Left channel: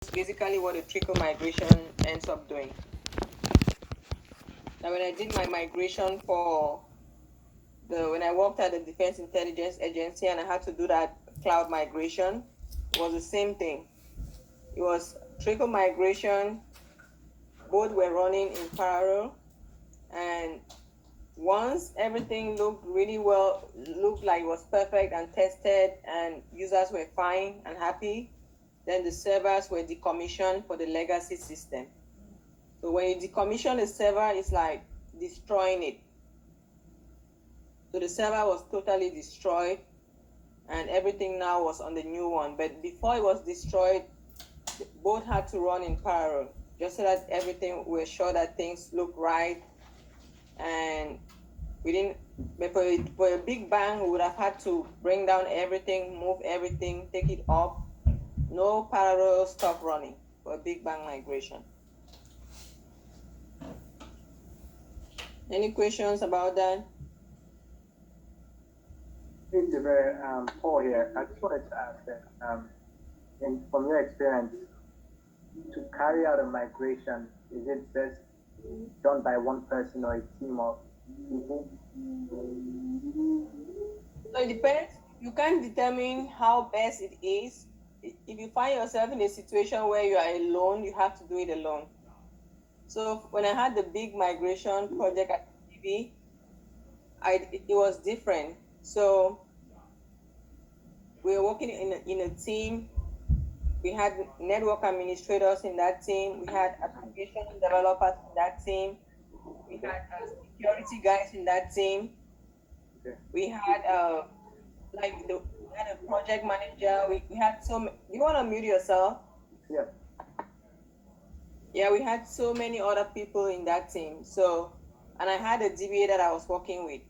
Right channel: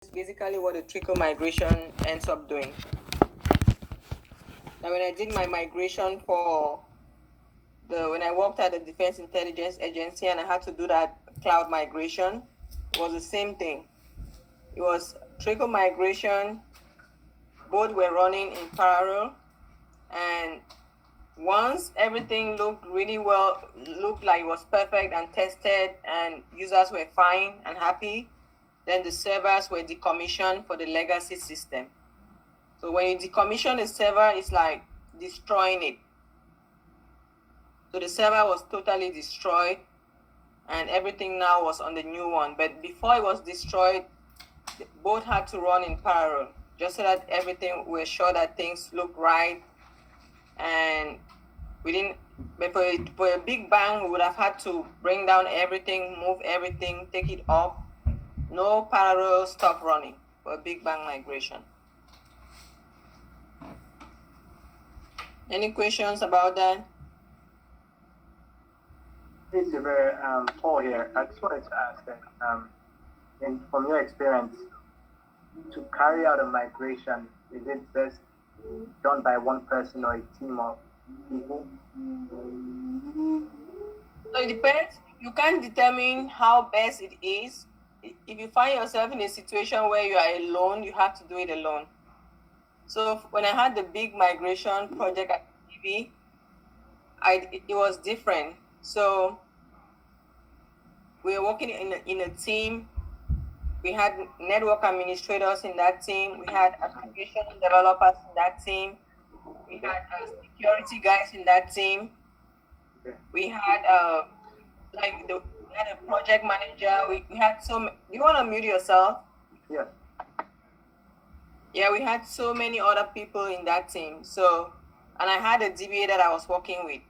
Basically what a trickle migration ends up doing. Now, when I did my migration for when I worked at the Defense Intelligence Agency and I had to do that cloud migration, it was the same thing. It was trickle migration. Both were running in parallel, and once everything looked really well, looked like it was perfect and tested, and users were fine and happy, then the servers were decommissioned for the legacy system. So when you decommission a server, it's like destroying it. So the server was totally destroyed and everything now was on the new one. But before it was destroyed, both had to run in parallel, just so that we're sure that things look right. And we didn't, but for a big bang, we would have had to bring down everything, move everything, take it up. No parallel stuff running for a big bang migration. Any questions about that? Hey, Siver, Paul here. I just wanted to ask that, from your experience, to carry out a migration, is it best done by one person or a team of people? So it depends. You can't determine how best it is. If you find yourself in a situation where you are alone, you have to do it alone. So when I had the big migration project at TV, it was different. So we were working in a team. We had network administrators in that team. We had application developers in that team. We had security guys in that team. Okay. We had we had a project manager. We had you want to mute yourself? Yeah. Yeah, we had so many other people in that team. So, and I had a DBA that I was working with.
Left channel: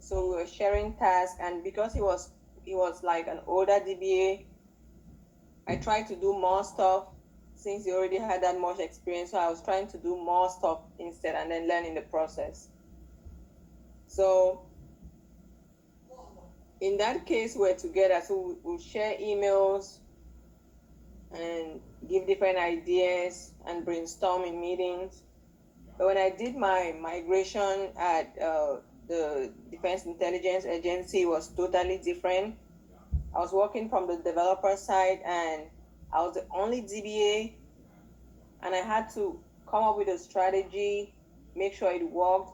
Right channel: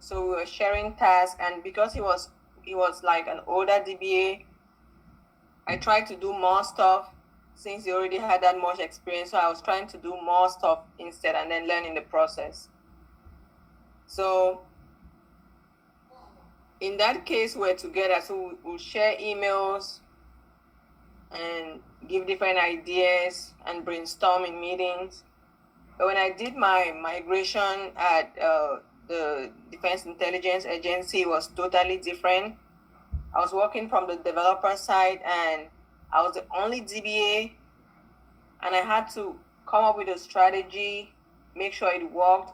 So we were sharing tasks, and because he was like an older DBA, I tried to do more stuff since he already had that much experience. So I was trying to do more stuff instead and then learn in the process. So in that case, we're together. So we'll share emails and give different ideas and brainstorm in meetings. But when I did my migration at the Defense Intelligence Agency, it was totally different. I was working from the developer side and I was the only DBA, and I had to come up with a strategy, make sure it worked,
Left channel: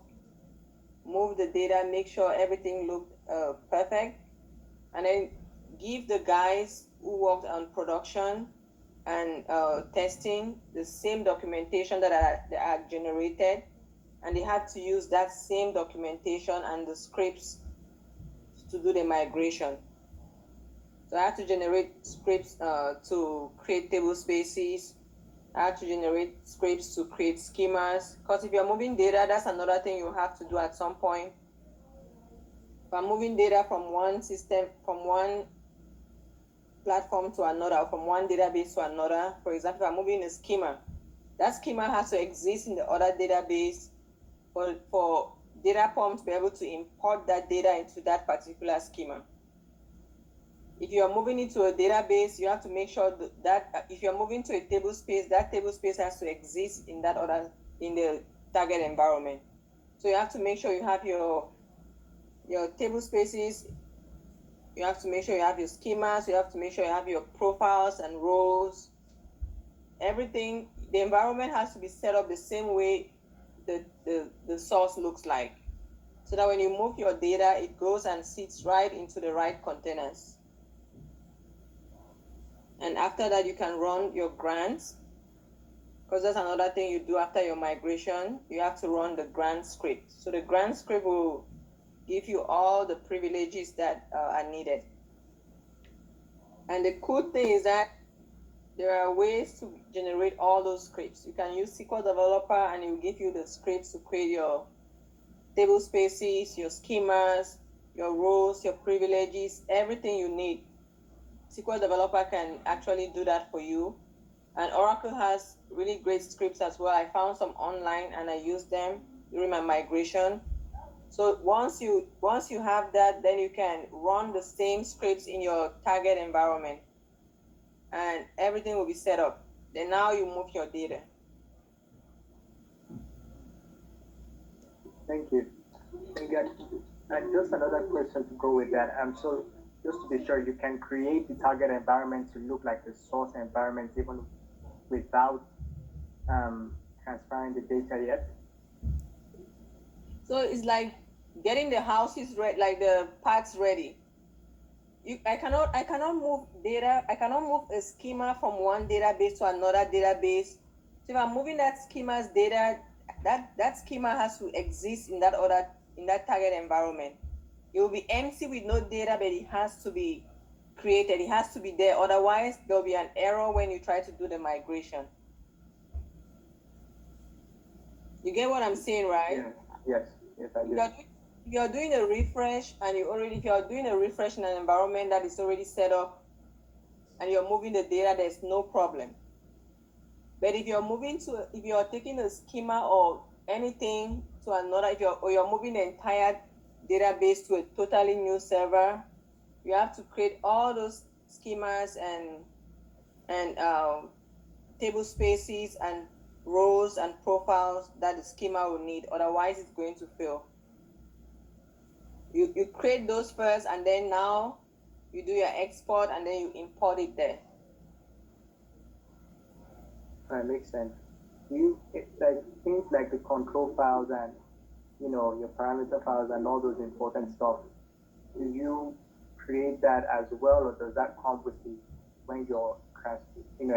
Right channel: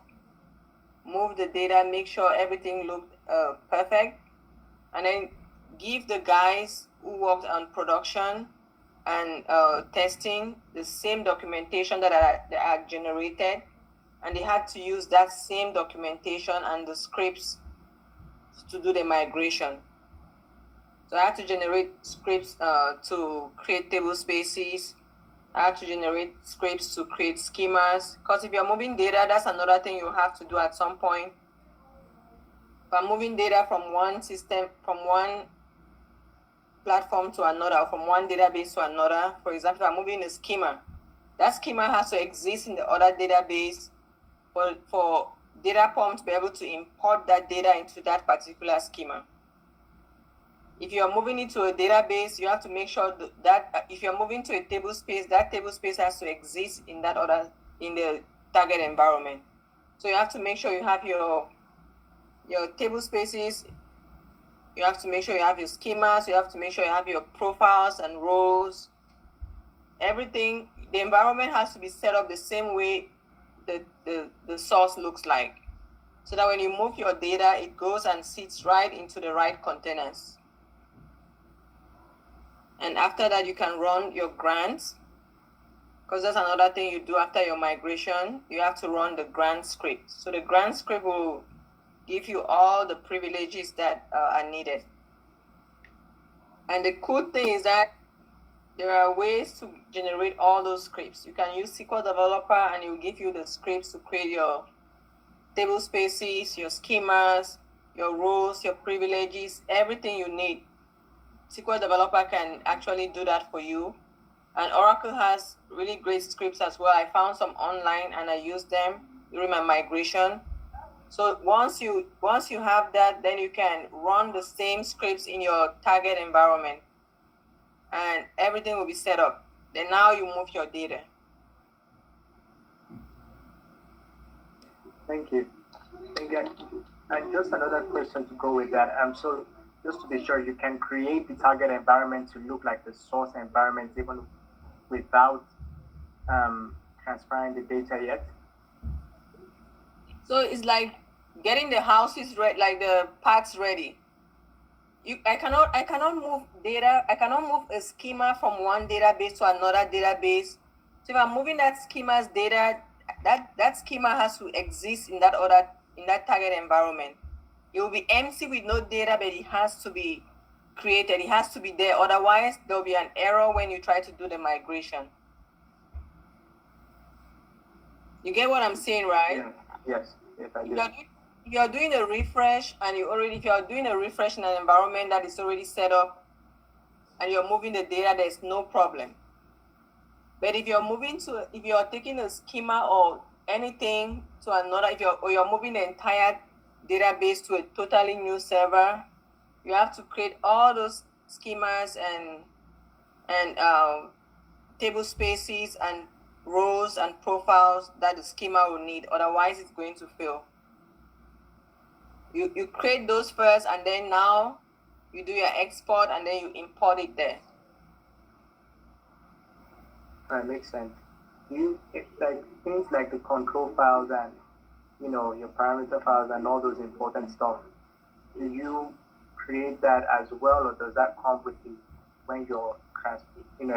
move the data, make sure everything looked perfect, and then give the guys who worked on production and testing the same documentation that I had generated, and they had to use that same documentation and the scripts to do the migration. So I had to generate scripts to create table spaces. I had to generate scripts to create schemas. Because if you're moving data, that's another thing you have to do at some point. If I'm moving data from one system, from one platform to another, from one database to another, for example, if I'm moving a schema, that schema has to exist in the other database for DataPalm to be able to import that data into that particular schema. If you are moving into a database, you have to make sure that if you're moving to a table space, that table space has to exist in the target environment. So you have to make sure you have your table spaces. You have to make sure you have your schemas. You have to make sure you have your profiles and roles. Everything, the environment has to be set up the same way the source looks like, so that when you move your data, it goes and sits right into the right containers. And after that, you can run your grants, because that's another thing you do after your migration. You have to run the grant script. So the grant script will give you all the privileges that are needed. And the cool thing is that there are ways to generate all those scripts. You can use SQL Developer and it will give you the scripts to create your table spaces, your schemas, your roles, your privileges, everything you need. SQL Developer can actually do that for you. And Oracle has really great scripts as well. I found some online and I used them during my migration. So once you have that, then you can run the same scripts in your target environment and everything will be set up. Then now you move your data. Thank you. And just another question to go with that. So just to be sure, you can create the target environment to look like the source environment even without transferring the data yet. So it's like getting the houses ready, like the parts ready. I cannot move data. I cannot move a schema from one database to another database. So if I'm moving that schema's data, that schema has to exist in that target environment. It will be empty with no data, but it has to be created. It has to be there. Otherwise, there'll be an error when you try to do the migration. You get what I'm saying, right? Yes, I do. If you're doing a refresh and if you're doing a refresh in an environment that is already set up and you're moving the data, there's no problem. But if you're taking a schema or anything to another, or you're moving the entire database to a totally new server, you have to create all those schemas and table spaces and rows and profiles that the schema will need. Otherwise, it's going to fail. You create those first, and then now you do your export, and then you import it there. That makes sense. Like things like the control files and your parameter files and all those important stuff. Do you create that as well, or does that come with when you're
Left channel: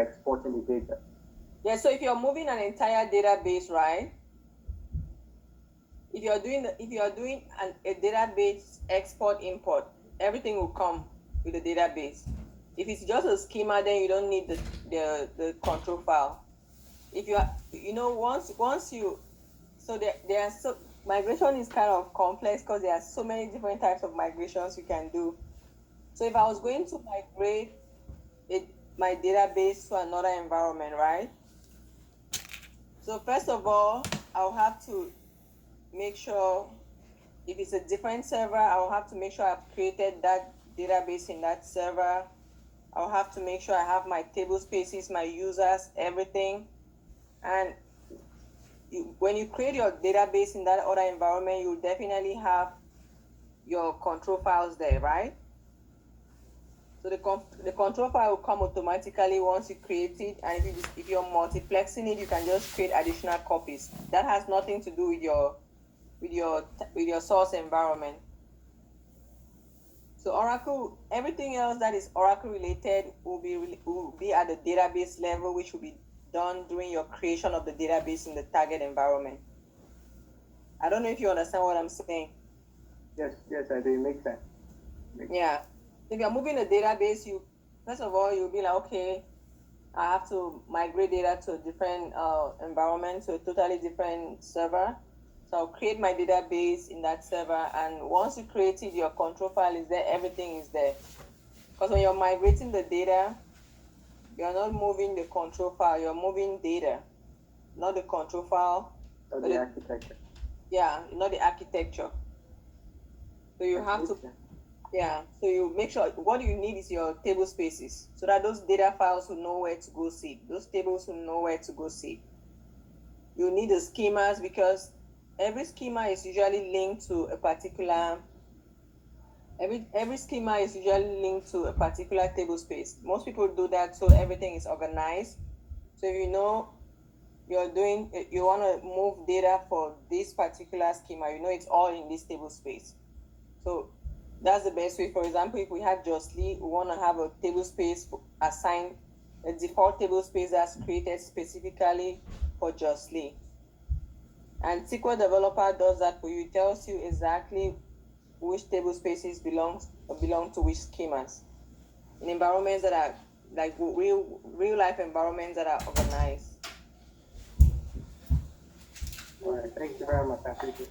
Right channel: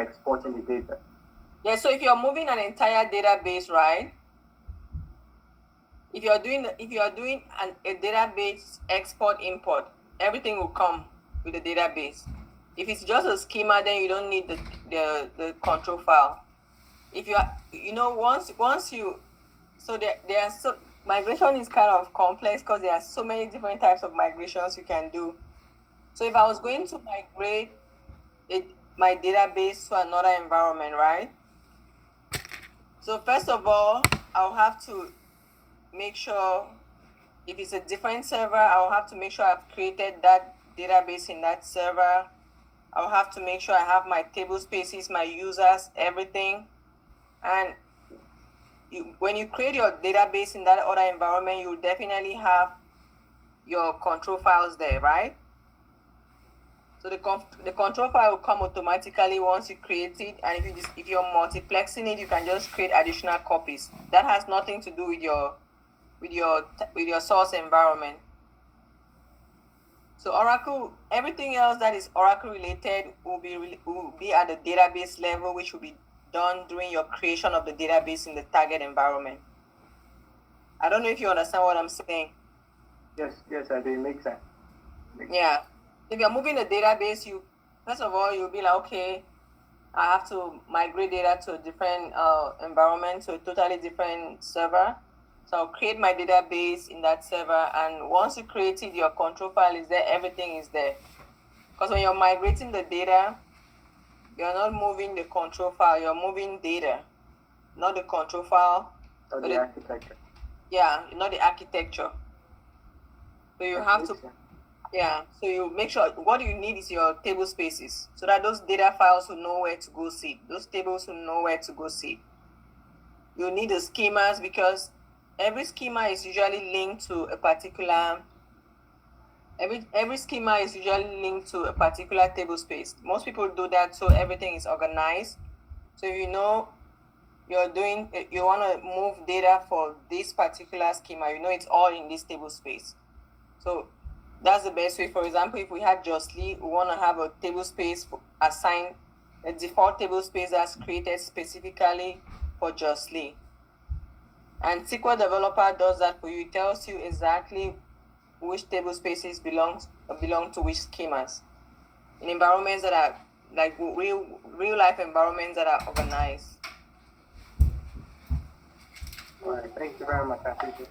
exporting the data? Yeah. So if you're moving an entire database, right? If you're doing a database export import, everything will come with the database. If it's just a schema, then you don't need the control file. If you are, migration is kind of complex because there are so many different types of migrations you can do. So if I was going to migrate my database to another environment, right? So first of all, I'll have to make sure if it's a different server, I'll have to make sure I've created that database in that server. I'll have to make sure I have my table spaces, my users, everything. And when you create your database in that other environment, you'll definitely have your control files there, right? So the control file will come automatically once you create it, and if you're multiplexing it, you can just create additional copies. That has nothing to do with your source environment. So Oracle, everything else that is Oracle related will be at the database level, which will be done during your creation of the database in the target environment. I don't know if you understand what I'm saying. Yes, I do. It makes sense. Yeah. If you're moving a database, first of all, you'll be like, okay, I have to migrate data to a different environment, to a totally different server. So I'll create my database in that server, and once you create it, your control file is there, everything is there. Because when you're migrating the data, you're not moving the control file, you're moving data, not the control file. Or the architecture. Yeah, not the architecture. So you have to, so you make sure what you need is your table spaces, so that those data files will know where to go see. Those tables will know where to go see. You need the schemas because every schema is usually linked to a particular every schema is usually linked to a particular table space. Most people do that so everything is organized. So if you know you want to move data for this particular schema, it's all in this table space. So that's the best way. For example, if we had Justly, we want to have a table space assigned, a default table space that's created specifically for Justly. And SQL Developer does that for you. It tells you exactly which table spaces belong to which schemas in environments that are like real life environments that are organized. All right, thank you very much. I appreciate it.